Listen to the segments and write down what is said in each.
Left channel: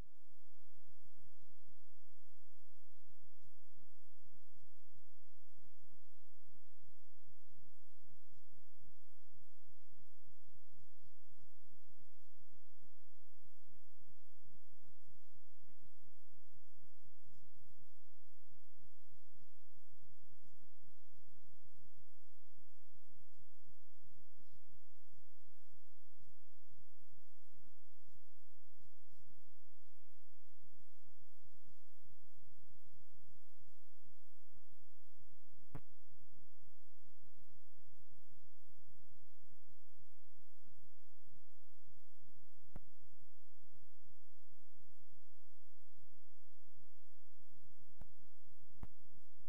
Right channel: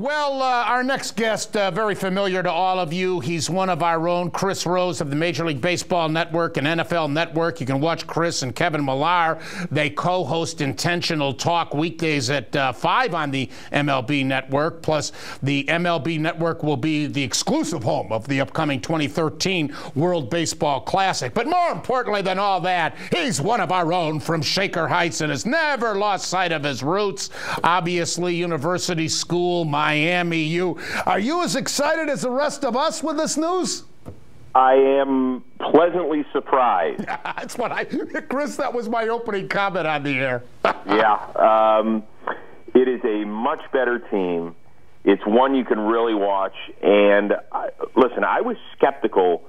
Well, our next guest, very familiar to all of you. He's one of our own, Chris Rose of the Major League Baseball Network and NFL Network. You can watch Chris and Kevin Millar. They co-host Intentional Talk weekdays at 5 on the MLB Network. Plus, the MLB Network will be the exclusive home of the upcoming 2013 World Baseball Classic. But more importantly than all that, he's one of our own from Shaker Heights and has never lost sight of his roots. Obviously, university school, Miami. Are you as excited as the rest of us with this news? I am pleasantly surprised. That's what Chris, that was my opening comment on the air. Yeah. It is a much better team. It's one you can really watch. And listen, I was skeptical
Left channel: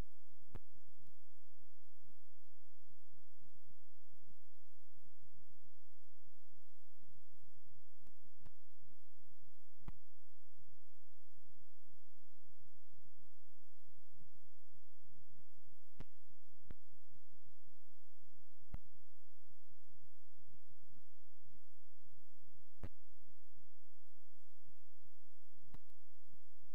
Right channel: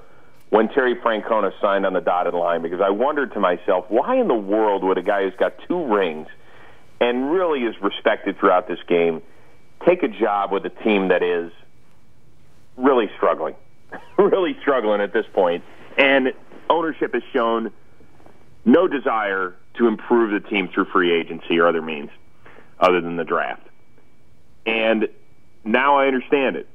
when Terry Francona signed on the dotted line because I wondered to myself, why in the world would a guy who's got 2 rings and really is respected throughout this game take a job with a team that is really struggling, really struggling at this point. And ownership has shown no desire to improve the team through free agency or other means other than the draft. And now I understand it.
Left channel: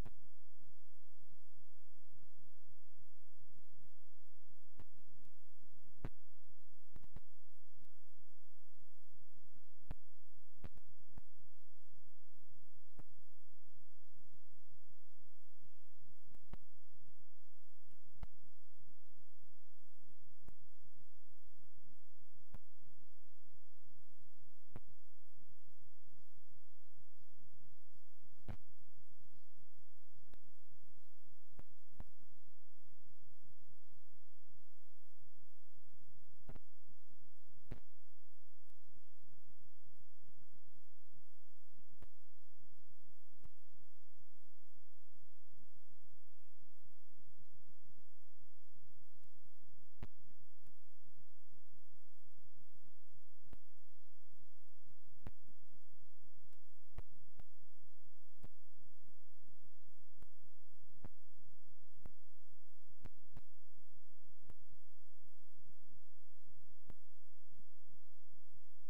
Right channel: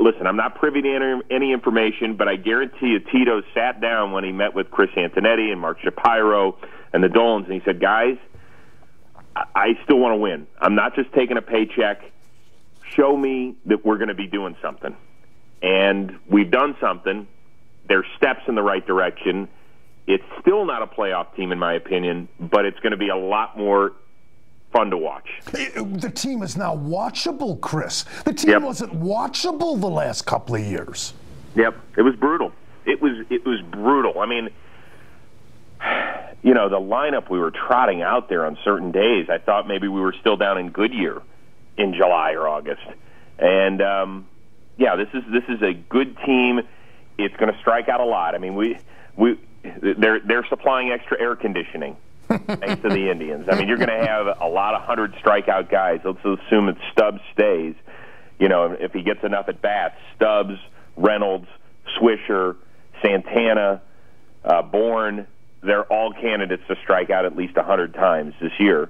Listen, I'm not privy to any information, but I guarantee you Tito sat down when he met with Chris Antonetti and Mark Shapiro and the Dolans, and he said, guys, I still want to win. I'm not just taking a paycheck. Show me that we're going to be doing something. And we've done something. There's steps in the right direction. It's still not a playoff team, in my opinion, but it's going to be a lot more fun to watch. The team is now watchable, Chris. The team wasn't watchable the last couple of years. Yep. It was brutal. It was brutal. I mean, you know, the lineup we were trotting out there on certain days, I thought maybe we were still down in Goodyear in July or August. And yeah, this is a good team. It's going to strike out a lot. I mean, they're supplying extra air conditioning thanks to the Indians. I mean, you're going to have a lot of 100 strikeout guys. Let's assume that Stubbs stays. You know, if he gets enough at bats, Stubbs, Reynolds, Swisher, Santana, Bourne. They're all candidates to strike out at least 100 times this year.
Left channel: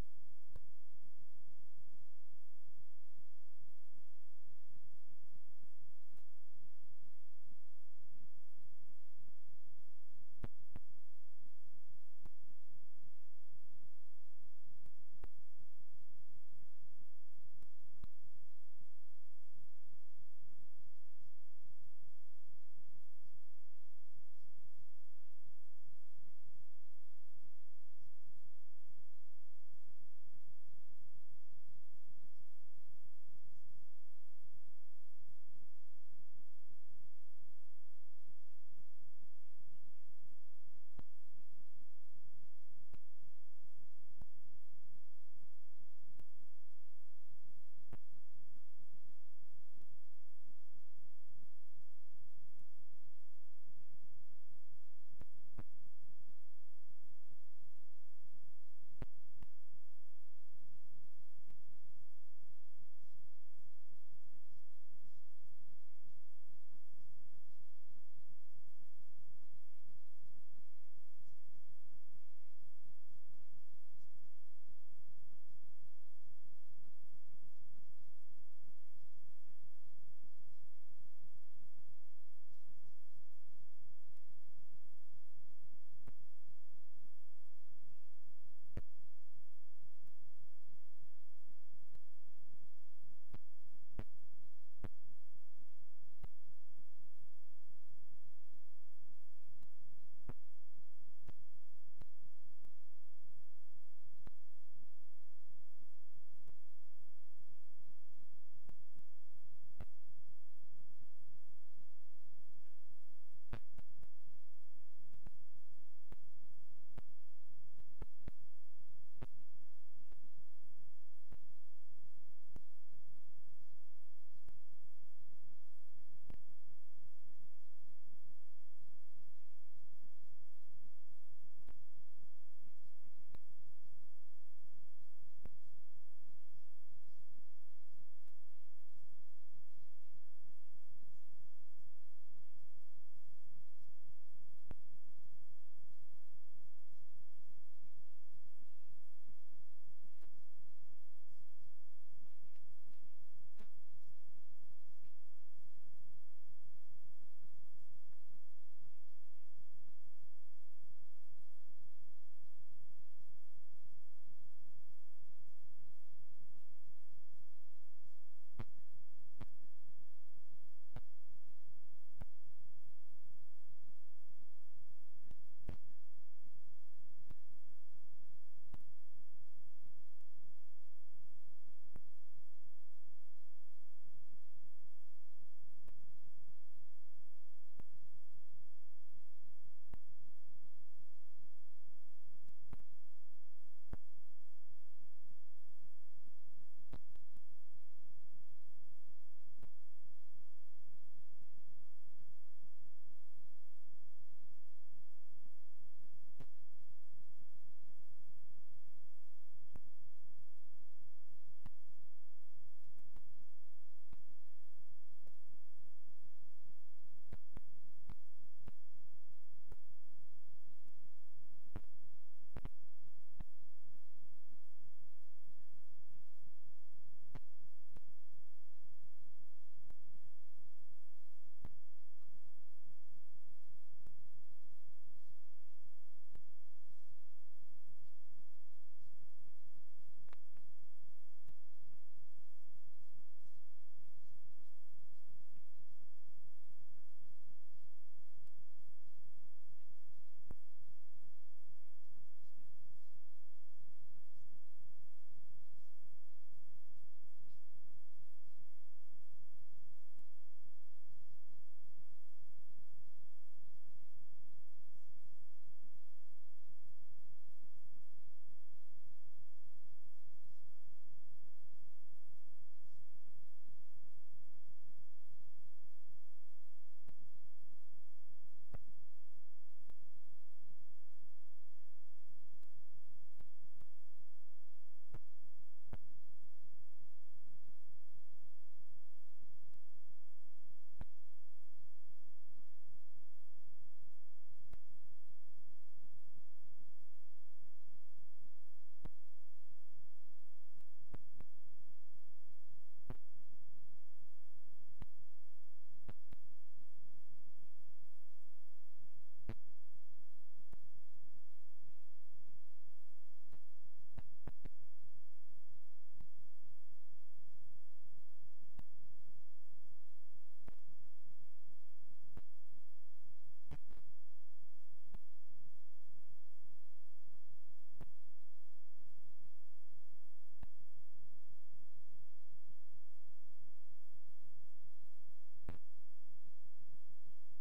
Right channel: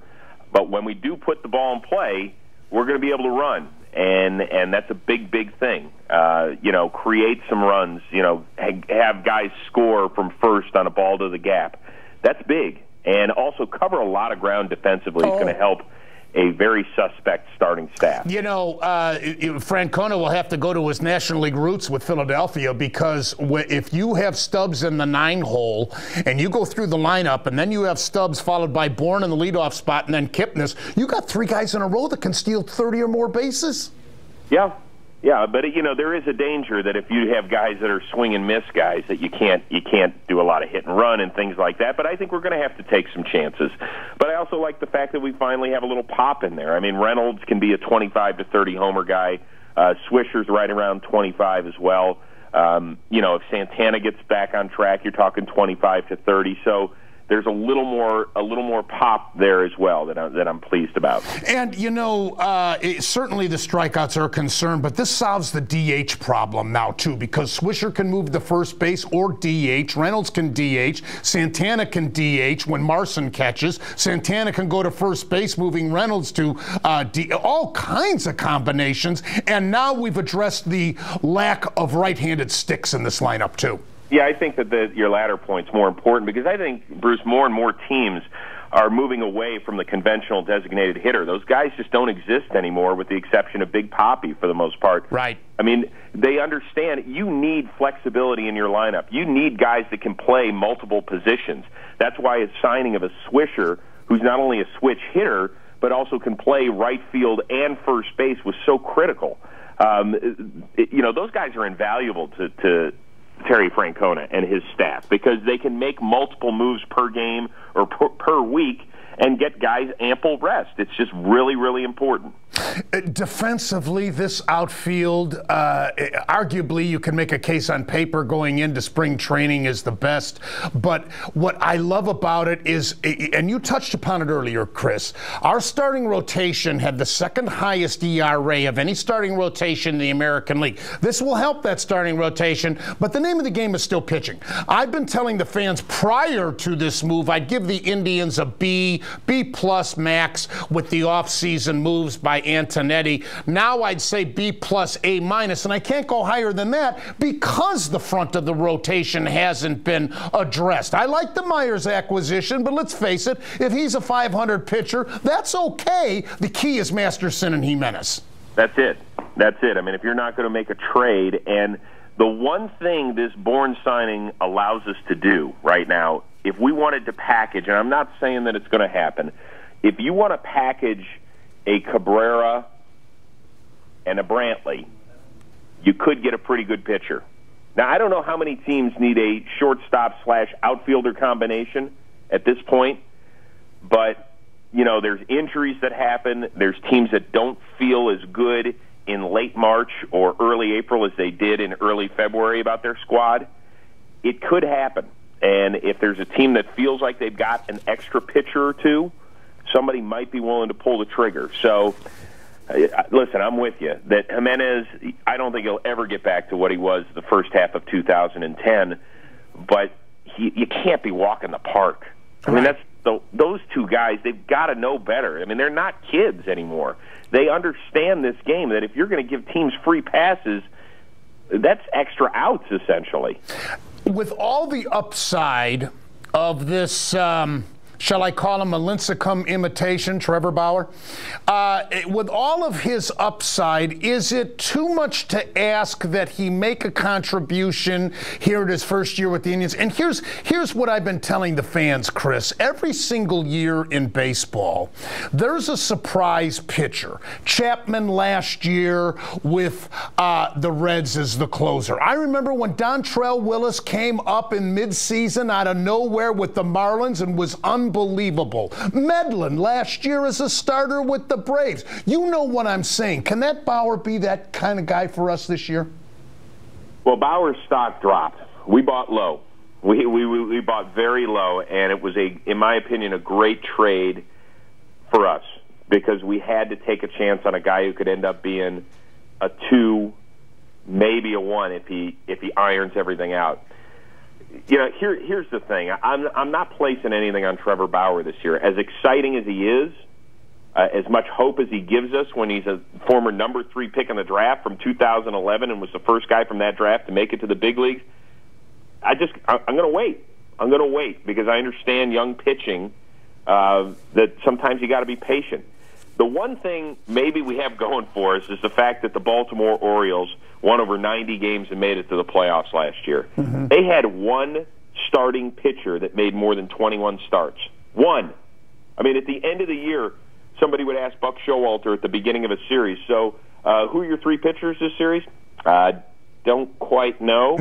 But when we do put the ball in play, we're going to be able to run, and that's a big, big thing. You know, create some runs, you know, have guys score from first on a ball to the gap. That's big. And also cover a lot of ground defensively is going to help a very suspect starting staff. You know, Francona will have to go to his National League roots with Philadelphia because if you have Stubbs in the 9 hole and you go through the lineup and then you have Stubbs followed by Bourne in the leadoff spot and then Kipnis, you got 3 guys in a row that can steal 30 or more bases. Yeah. Yeah, but you know there is a danger that if you have guys that are swing and miss guys that you can't do a lot of hit and run and things like that. But I think we're going to have to take some chances. But I also like the fact that we finally have a little pop in there. I mean, Reynolds can be a 25 to 30 homer guy. Swisher's right around 25 as well. You know, if Santana gets back on track, you're talking 25 to 30. So there's a little more pop there as well that I'm pleased about. And you know, certainly the strikeouts are a concern, but this solves the DH problem now too, because Swisher can move to first base or DH, Reynolds can DH, Santana can DH when Marson catches, Santana can go to first base, moving Reynolds to all kinds of combinations, and now we've addressed the lack of right-handed sticks in this lineup too. Yeah, I think that your latter point's more important because I think, Bruce, more and more teams are moving away from the conventional designated hitter. Those guys just don't exist anymore with the exception of Big Papi for the most part. Right. I mean, they understand you need flexibility in your lineup. You need guys that can play multiple positions. That's why a signing of a Swisher, who's not only a switch hitter, but also can play right field and first base, was so critical. You know, those guys are invaluable to Terry Francona and his staff because they can make multiple moves per game or per week and get guys ample rest. It's just really, really important. Defensively, this outfield, arguably you can make a case on paper going into spring training is the best. But what I love about it is, and you touched upon it earlier, Chris, our starting rotation had the 2nd highest ERA of any starting rotation in the American League. This will help that starting rotation, but the name of the game is still pitching. I've been telling the fans prior to this move I'd give the Indians a B B+ max with the offseason moves by Antonetti. Now I'd say B+, A-, and I can't go higher than that because the front of the rotation hasn't been addressed. I like the Myers acquisition, but let's face it, if he's a 500 pitcher, that's okay. The key is Masterson and Jimenez. That's it. That's it. I mean, if you're not going to make a trade, and the one thing this Bourne signing allows us to do right now, if we wanted to package, and I'm not saying that it's going to happen, if you want to package a Cabrera and a Brantley, you could get a pretty good pitcher. Now, I don't know how many teams need a shortstop/outfielder combination at this point, but you know, there's injuries that happen. There's teams that don't feel as good in late March or early April as they did in early February about their squad. It could happen. And if there's a team that feels like they've got an extra pitcher or two, somebody might be willing to pull the trigger. So, listen, I'm with you. That Jimenez, I don't think he'll ever get back to what he was the first half of 2010, but you can't be walking the park. I mean, those two guys, they've got to know better. I mean, they're not kids anymore. They understand this game, that if you're going to give teams free passes, that's extra outs, essentially. With all the upside of this, shall I call him a Lincecum imitation, Trevor Bauer? With all of his upside, is it too much to ask that he make a contribution here at his first year with the Indians? And here's what I've been telling the fans, Chris. Every single year in baseball, there's a surprise pitcher. Chapman last year with the Reds as the closer. I remember when Dontrell Willis came up in midseason out of nowhere with the Marlins and was unbelievable. Medlin last year as a starter with the Braves. You know what I'm saying. Can that Bauer be that kind of guy for us this year? Well, Bauer's stock dropped. We bought low. We bought very low, and it was, in my opinion, a great trade for us because we had to take a chance on a guy who could end up being a 2, maybe a 1 if he irons everything out. You know, here's the thing. I'm not placing anything on Trevor Bauer this year. As exciting as he is, as much hope as he gives us when he's a former number 3 pick in the draft from 2011 and was the first guy from that draft to make it to the big leagues, I'm going to wait. I'm going to wait because I understand young pitching, that sometimes you got to be patient. The one thing maybe we have going for us is the fact that the Baltimore Orioles won over 90 games and made it to the playoffs last year. Mm-hmm. They had one starting pitcher that made more than 21 starts. One. I mean, at the end of the year, somebody would ask Buck Showalter at the beginning of a series, so who are your 3 pitchers this series? Don't quite know.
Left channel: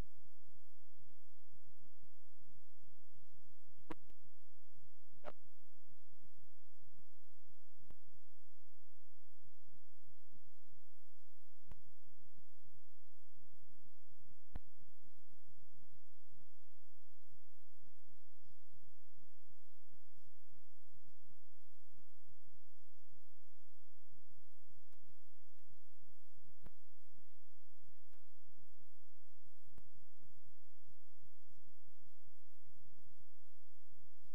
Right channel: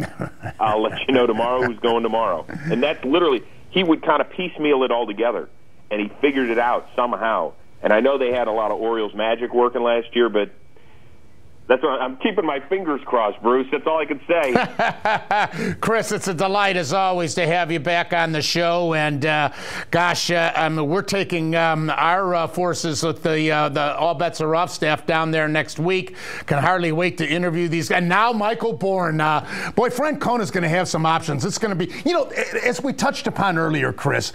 I'll let you know tomorrow who's going tomorrow. And that's literally, he would kind of piecemeal it all together, and he figured it out somehow. And I know they had a lot of Orioles magic working last year, but that's what I'm keeping my fingers crossed, Bruce. That's all I can say. Chris, it's a delight, as always, to have you back on the show. And, gosh, we're taking our forces with the All Bets Are Off staff down there next week. Can hardly wait to interview these guys. And now Michael Bourne. Boy, Frank Cona's going to have some options. It's going to be, you know, as we touched upon earlier, Chris,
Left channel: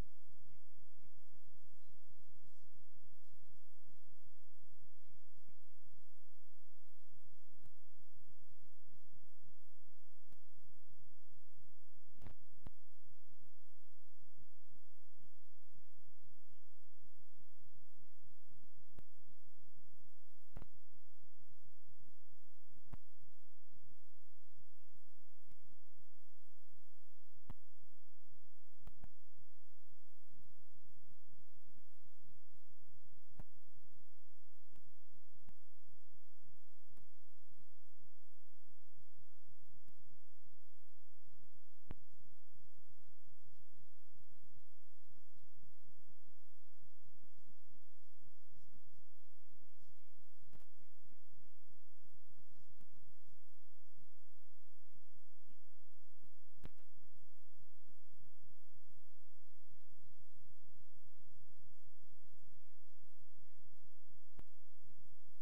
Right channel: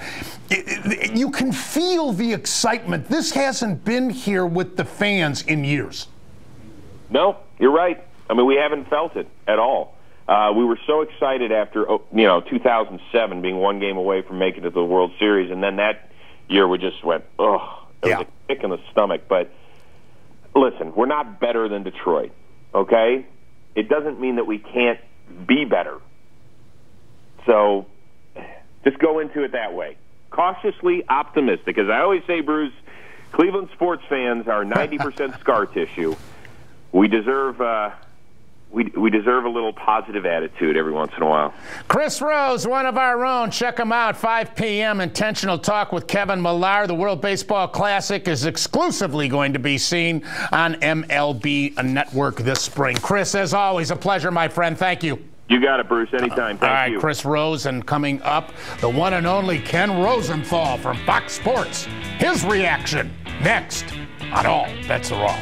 you can feel the excitement. This hasn't been here with the fans in years. No, you're right. I mean, we haven't felt it at all. We were so excited after, 2007 being one game away from making it to the World Series, and then that year we just went, ugh. It was a kick in the stomach. But listen, we're not better than Detroit, okay? It doesn't mean that we can't be better. So just go into it that way. Cautiously optimistic. As I always say, Bruce, Cleveland sports fans are 90% scar tissue. We deserve we deserve a little positive attitude every once in a while. Chris Rose, one of our own. Check him out, 5 p.m. Intentional Talk with Kevin Millar. The World Baseball Classic is exclusively going to be seen on MLB Network this spring. Chris, as always, a pleasure, my friend. Thank you. You got it, Bruce. Anytime. Thank you. All right, Chris Rose, and coming up, the one and only Ken Rosenthal from Fox Sports. His reaction next on All Bets Are Off.